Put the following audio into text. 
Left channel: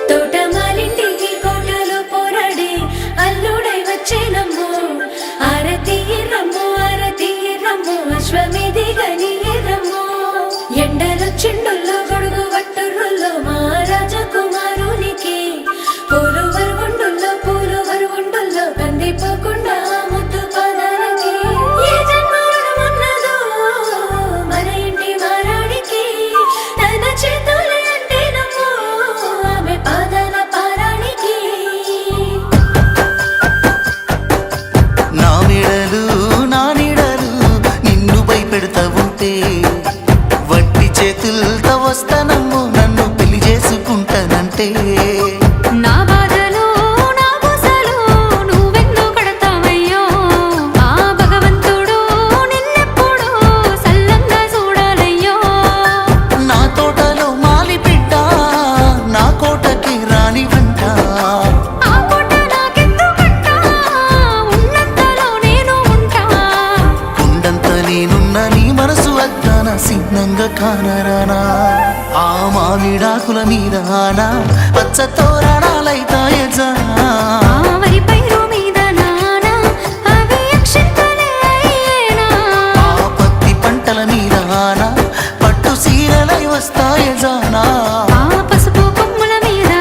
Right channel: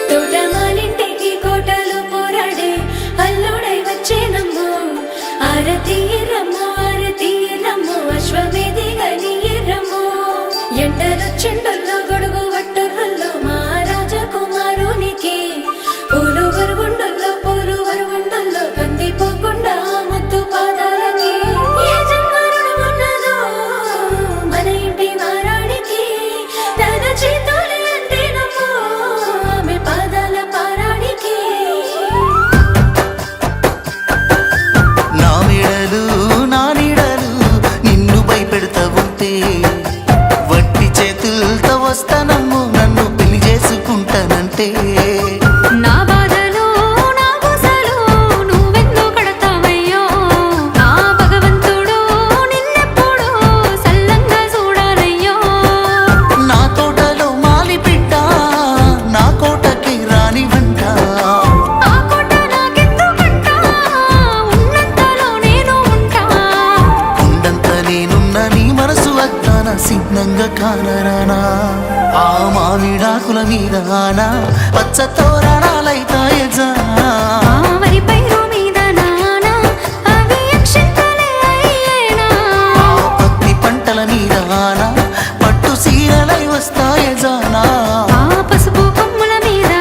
తోటమాలింటికి కోటలు పోరాడే అల్లుడై వచ్చేనమ్మో ఆరతి రమ్మో అశ్వమేధి గని రమ్మో ఎండలొచ్చిండుల్లో గొడుగు వట్టుర్రుల్లో మహారాజ కుమారునికి పూలు వరుగుండుల్లో కందిపోకుండా ముద్దు పాదాలకి ఏ జన్మరుడు ఉన్నదో మన ఇంటి మారాడికి తన చేతులు అంటేనమ్మో ఆమె పాదాల పారాడికి నా మెడలు నా నీడలు నిన్ను భయపెడతా ఉంటే వట్టి చేతులతో వస్తానమ్ము నన్ను పెళ్లి చేసుకుంటానంటే నా బాధలు నా గుసలు నువ్వెందు కడతావయ్యో ఆ భగవంతుడు నిన్నెప్పుడు సల్లంగా చూడాలయ్యో నా తోటలో మాలి బిడ్డ నా కోటకి రాని వంట ఆ కోట నాకెందుకంట ఉన్నంతలో నేను ఉంటా కొండంత నేనున్న నీ మనసు అద్దాన సిద్ధంగా కానరానా ఆ మామిడాకుల మీద ఆనా పచ్చ తోరణాలైతాయజా ఆ వరి పైరు మీద నానా అవి అక్షంతలే అయ్యేనా ఆ పత్తి పంటల మీద ఆనా పట్టు సీరలై వస్తాయజానా ఆ పసుపు కొమ్ముల మీద